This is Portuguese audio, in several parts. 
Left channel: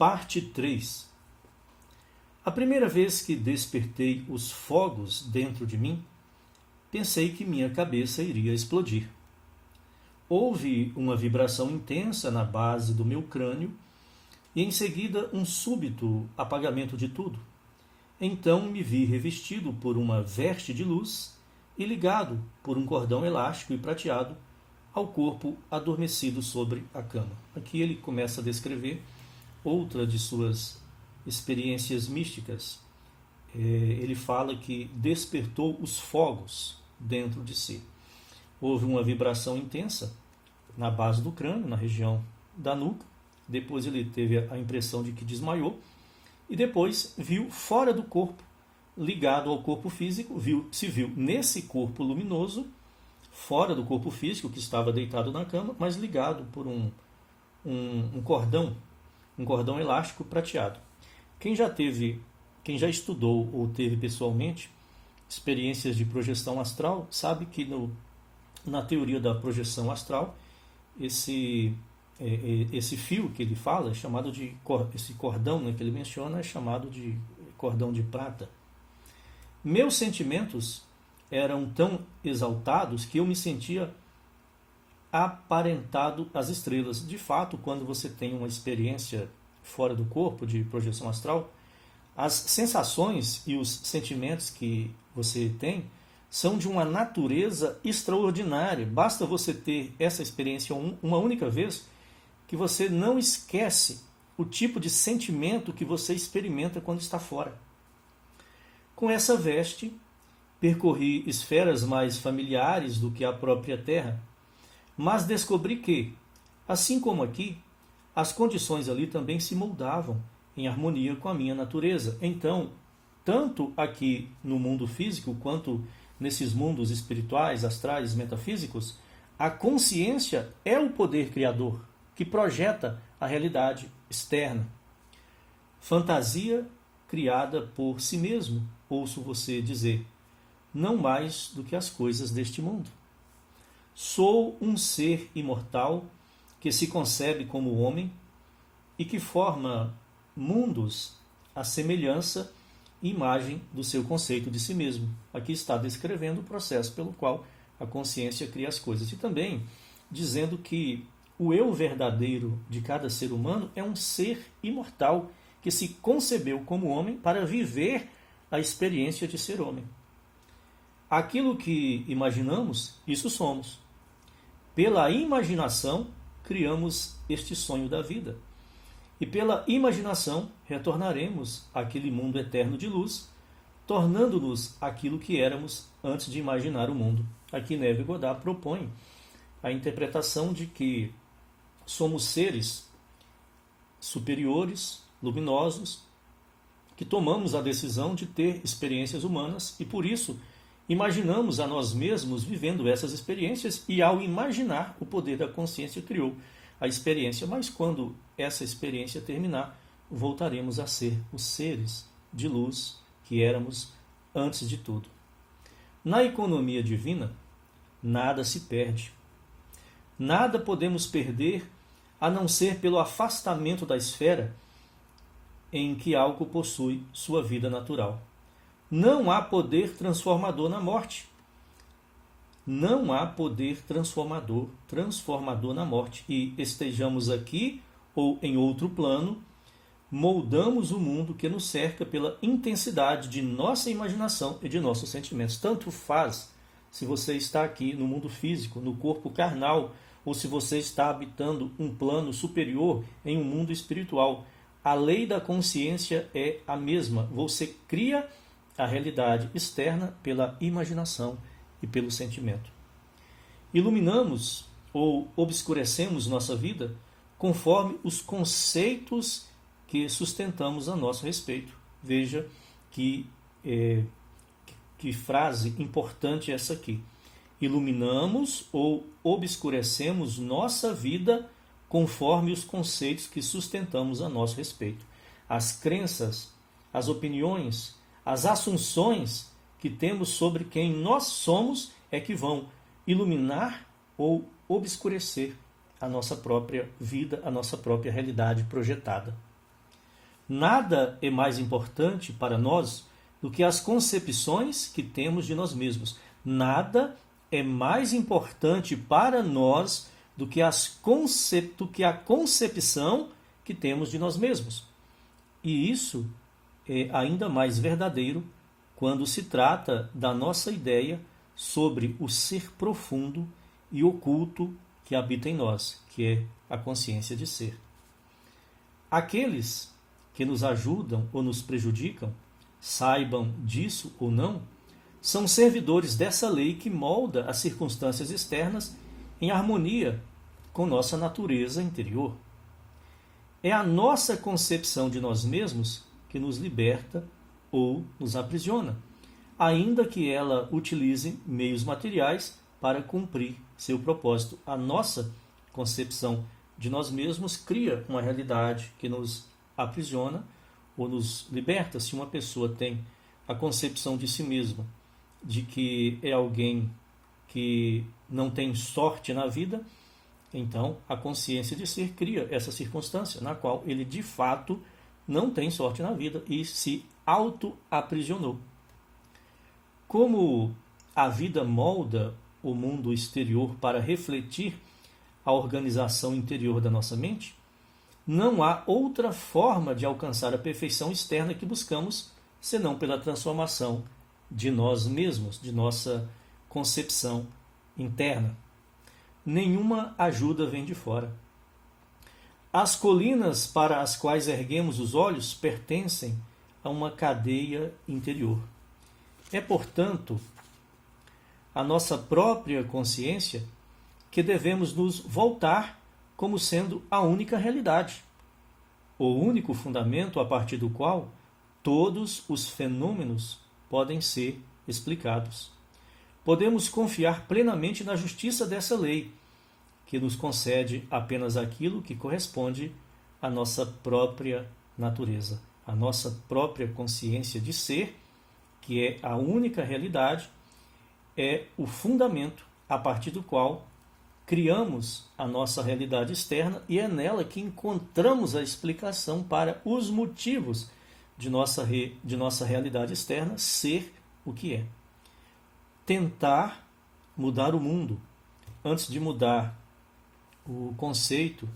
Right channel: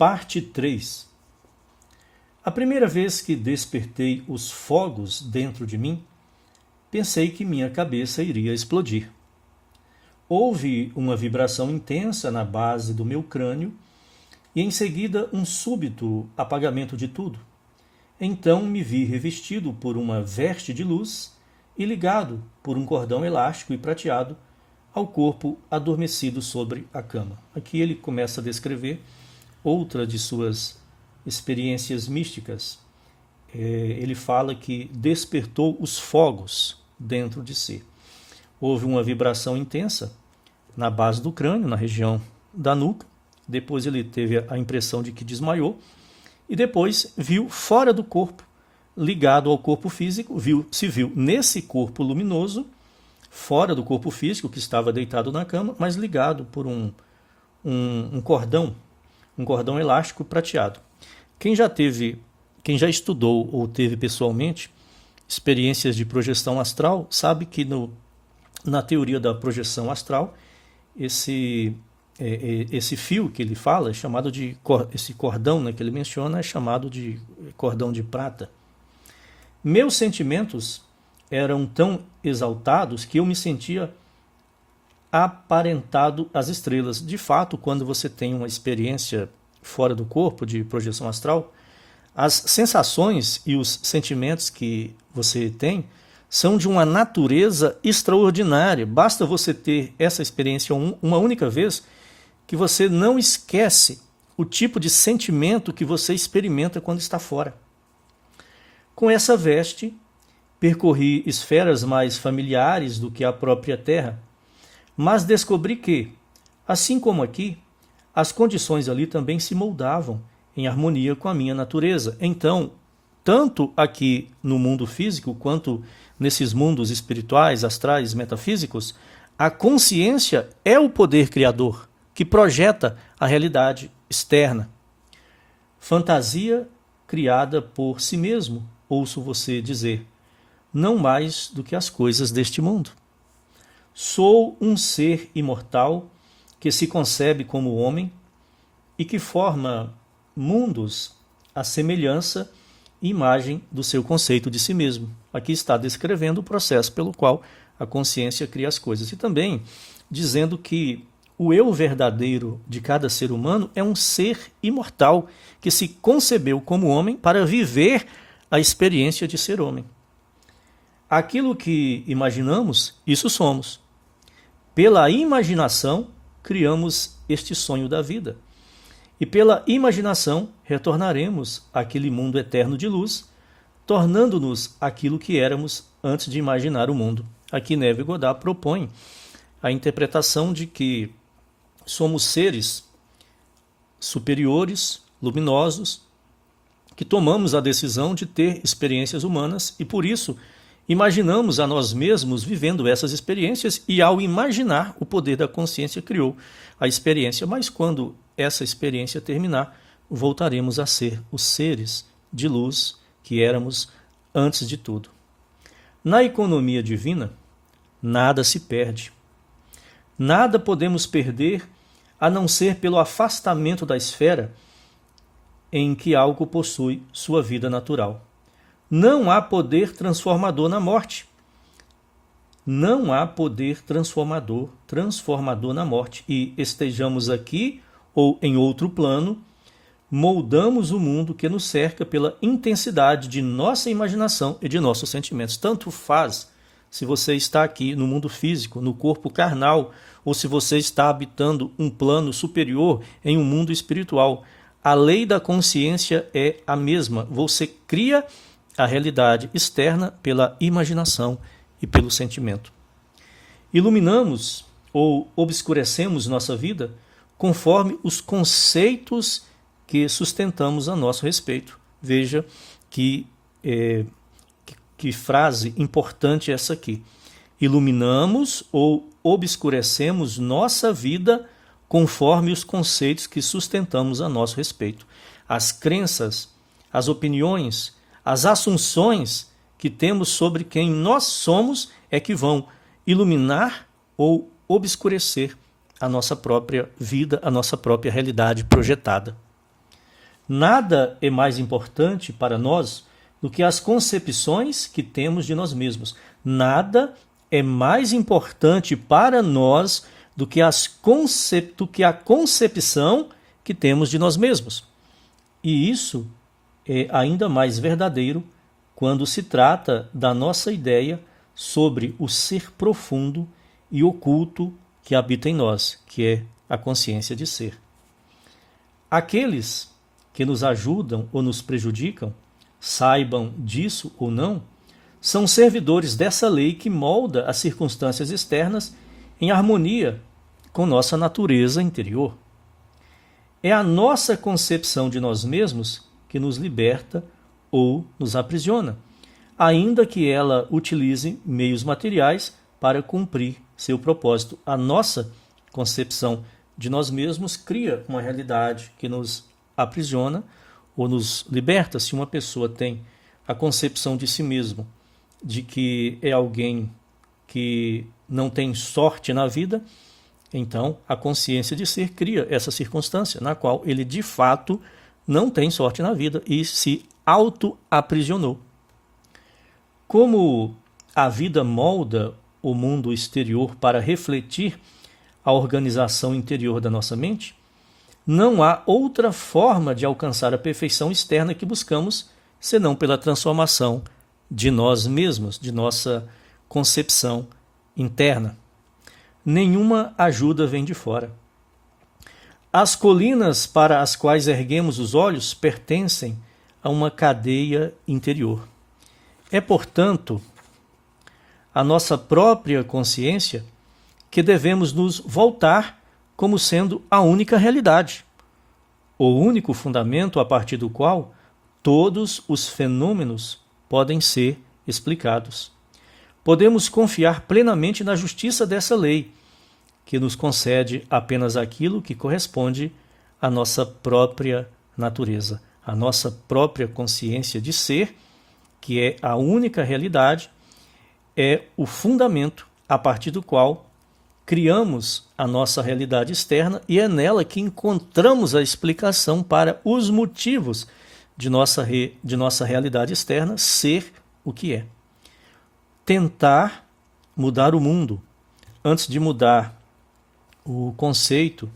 Parte 3. A primeira vez que despertei os fogos dentro de mim, pensei que minha cabeça iria explodir. Houve uma vibração intensa na base do meu crânio e em seguida um súbito apagamento de tudo. Então me vi revestido por uma veste de luz e ligado por um cordão elástico e prateado ao corpo adormecido sobre a cama. Aqui ele começa a descrever outra de suas experiências místicas. Ele fala que despertou os fogos dentro de si. Houve uma vibração intensa na base do crânio, na região da nuca. Depois ele teve a impressão de que desmaiou. E depois viu fora do corpo, ligado ao corpo físico, se viu nesse corpo luminoso, fora do corpo físico, que estava deitado na cama, mas ligado por um cordão elástico prateado. Quem já estudou ou teve pessoalmente experiências de projeção astral, sabe que na teoria da projeção astral, esse fio que ele fala, é chamado de, esse cordão, né, que ele menciona, é chamado de cordão de prata. Meus sentimentos eram tão exaltados que eu me sentia aparentado às estrelas. De fato, quando você tem uma experiência fora do corpo de projeção astral, as sensações e os sentimentos que você tem são de uma natureza extraordinária. Basta você ter essa experiência uma única vez que você não esquece o tipo de sentimento que você experimenta quando está fora. Com essa veste, percorri esferas mais familiares do que a própria Terra, mas descobri que, assim como aqui, as condições ali também se moldavam em harmonia com a minha natureza. Então, tanto aqui no mundo físico quanto nesses mundos espirituais, astrais, metafísicos, a consciência é o poder criador que projeta a realidade externa. Fantasia criada por si mesmo, ouço você dizer, não mais do que as coisas deste mundo. Sou um ser imortal que se concebe como homem e que forma mundos à semelhança e imagem do seu conceito de si mesmo. Aqui está descrevendo o processo pelo qual a consciência cria as coisas. E também dizendo que o eu verdadeiro de cada ser humano é um ser imortal que se concebeu como homem para viver a experiência de ser homem. Aquilo que imaginamos, isso somos. Pela imaginação, criamos este sonho da vida. E pela imaginação, retornaremos àquele mundo eterno de luz, tornando-nos aquilo que éramos antes de imaginar o mundo. Aqui Neville Goddard propõe a interpretação de que somos seres superiores, luminosos, que tomamos a decisão de ter experiências humanas e, por isso, imaginamos a nós mesmos vivendo essas experiências e, ao imaginar, o poder da consciência criou a experiência. Mas quando essa experiência terminar, voltaremos a ser os seres de luz que éramos antes de tudo. Na economia divina, nada se perde. Nada podemos perder a não ser pelo afastamento da esfera em que algo possui sua vida natural. Não há poder transformador na morte. Não há poder transformador na morte. E estejamos aqui ou em outro plano, moldamos o mundo que nos cerca pela intensidade de nossa imaginação e de nossos sentimentos. Tanto faz se você está aqui no mundo físico, no corpo carnal, ou se você está habitando um plano superior em um mundo espiritual. A lei da consciência é a mesma. Você cria a realidade externa pela imaginação e pelo sentimento. Iluminamos ou obscurecemos nossa vida conforme os conceitos que sustentamos a nosso respeito. Veja que frase importante essa aqui. Iluminamos ou obscurecemos nossa vida conforme os conceitos que sustentamos a nosso respeito. As crenças, as opiniões, as assunções que temos sobre quem nós somos é que vão iluminar ou obscurecer a nossa própria vida, a nossa própria realidade projetada. Nada é mais importante para nós do que as concepções que temos de nós mesmos. Nada é mais importante para nós do que a concepção que temos de nós mesmos. E isso é ainda mais verdadeiro quando se trata da nossa ideia sobre o ser profundo e oculto que habita em nós, que é a consciência de ser. Aqueles que nos ajudam ou nos prejudicam, saibam disso ou não, são servidores dessa lei que molda as circunstâncias externas em harmonia com nossa natureza interior. É a nossa concepção de nós mesmos que nos liberta ou nos aprisiona, ainda que ela utilize meios materiais para cumprir seu propósito. A nossa concepção de nós mesmos cria uma realidade que nos aprisiona ou nos liberta. Se uma pessoa tem a concepção de si mesmo de que é alguém que não tem sorte na vida, então a consciência de ser cria essa circunstância na qual ele de fato não tem sorte na vida e se auto-aprisionou. Como a vida molda o mundo exterior para refletir a organização interior da nossa mente, não há outra forma de alcançar a perfeição externa que buscamos senão pela transformação de nós mesmos, de nossa concepção interna. Nenhuma ajuda vem de fora. As colinas para as quais erguemos os olhos pertencem a uma cadeia interior. É, portanto, a nossa própria consciência que devemos nos voltar como sendo a única realidade, o único fundamento a partir do qual todos os fenômenos podem ser explicados. Podemos confiar plenamente na justiça dessa lei, que nos concede apenas aquilo que corresponde à nossa própria natureza, à nossa própria consciência de ser, que é a única realidade, é o fundamento a partir do qual criamos a nossa realidade externa e é nela que encontramos a explicação para os motivos de nossa realidade externa ser o que é. Tentar mudar o mundo antes de mudar o conceito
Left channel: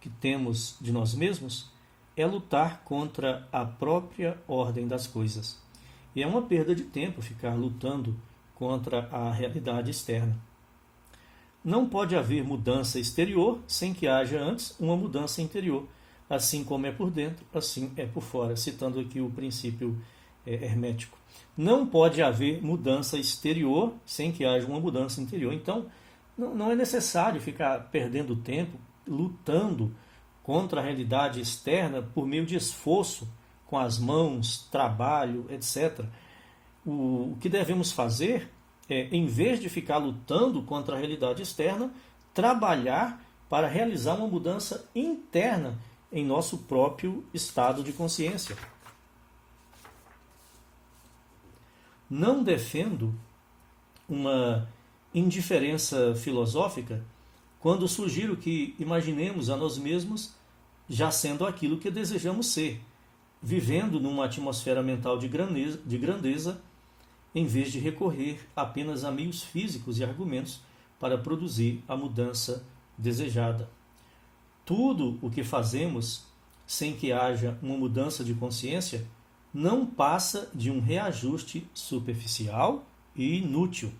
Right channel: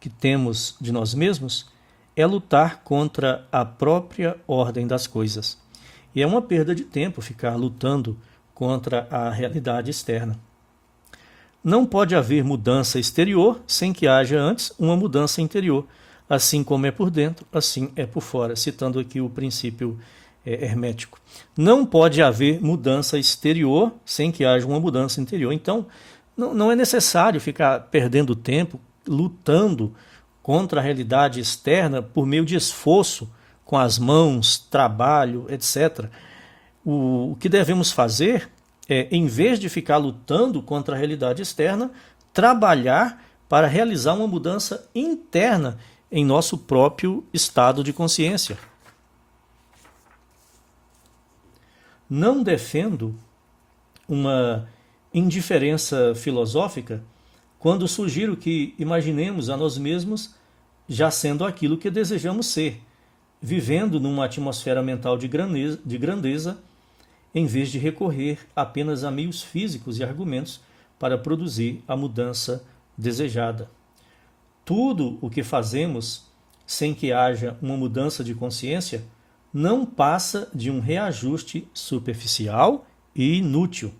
que temos de nós mesmos é lutar contra a própria ordem das coisas. E é uma perda de tempo ficar lutando contra a realidade externa. Não pode haver mudança exterior sem que haja antes uma mudança interior. Assim como é por dentro, assim é por fora, citando aqui o princípio hermético. Não pode haver mudança exterior sem que haja uma mudança interior. Então, não é necessário ficar perdendo tempo lutando contra a realidade externa por meio de esforço com as mãos, trabalho, etc. O que devemos fazer é, em vez de ficar lutando contra a realidade externa, trabalhar para realizar uma mudança interna em nosso próprio estado de consciência. Não defendo uma indiferença filosófica quando sugiro que imaginemos a nós mesmos já sendo aquilo que desejamos ser, vivendo numa atmosfera mental de grandeza, em vez de recorrer apenas a meios físicos e argumentos para produzir a mudança desejada. Tudo o que fazemos sem que haja uma mudança de consciência não passa de um reajuste superficial e inútil.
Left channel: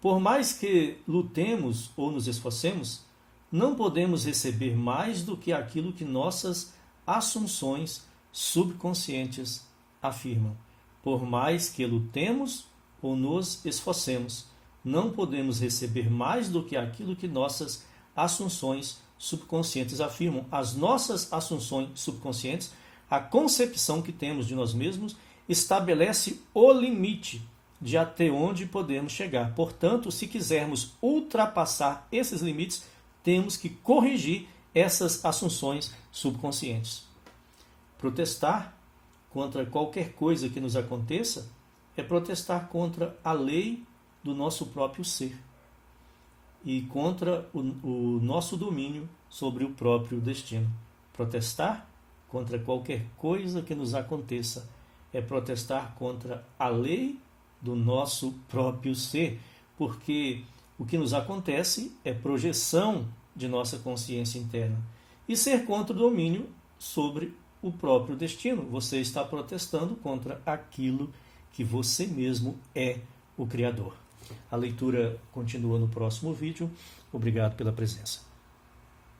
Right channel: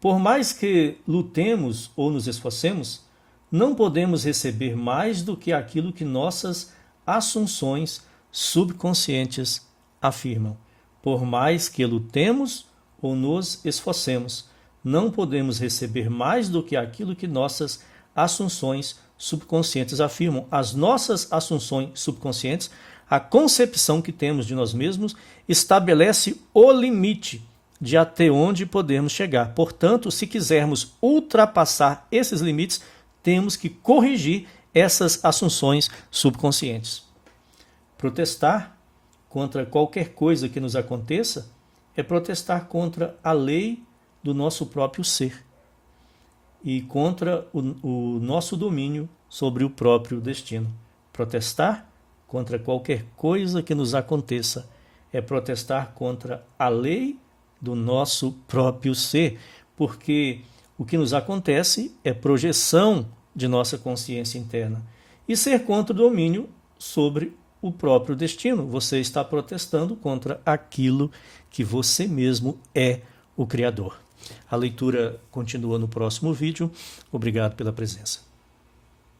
Por mais que lutemos ou nos esforcemos, não podemos receber mais do que aquilo que nossas assunções subconscientes afirmam. Por mais que lutemos ou nos esforcemos, não podemos receber mais do que aquilo que nossas assunções subconscientes afirmam. As nossas assunções subconscientes, a concepção que temos de nós mesmos, estabelece o limite de até onde podemos chegar. Portanto, se quisermos ultrapassar esses limites, temos que corrigir essas assunções subconscientes. Protestar contra qualquer coisa que nos aconteça é protestar contra a lei do nosso próprio ser e contra o nosso domínio sobre o próprio destino. Protestar contra qualquer coisa que nos aconteça é protestar contra a lei do nosso próprio ser, porque o que nos acontece é projeção de nossa consciência interna. E ser contra o domínio sobre o próprio destino. Você está protestando contra aquilo que você mesmo é o Criador. A leitura continua no próximo vídeo. Obrigado pela presença.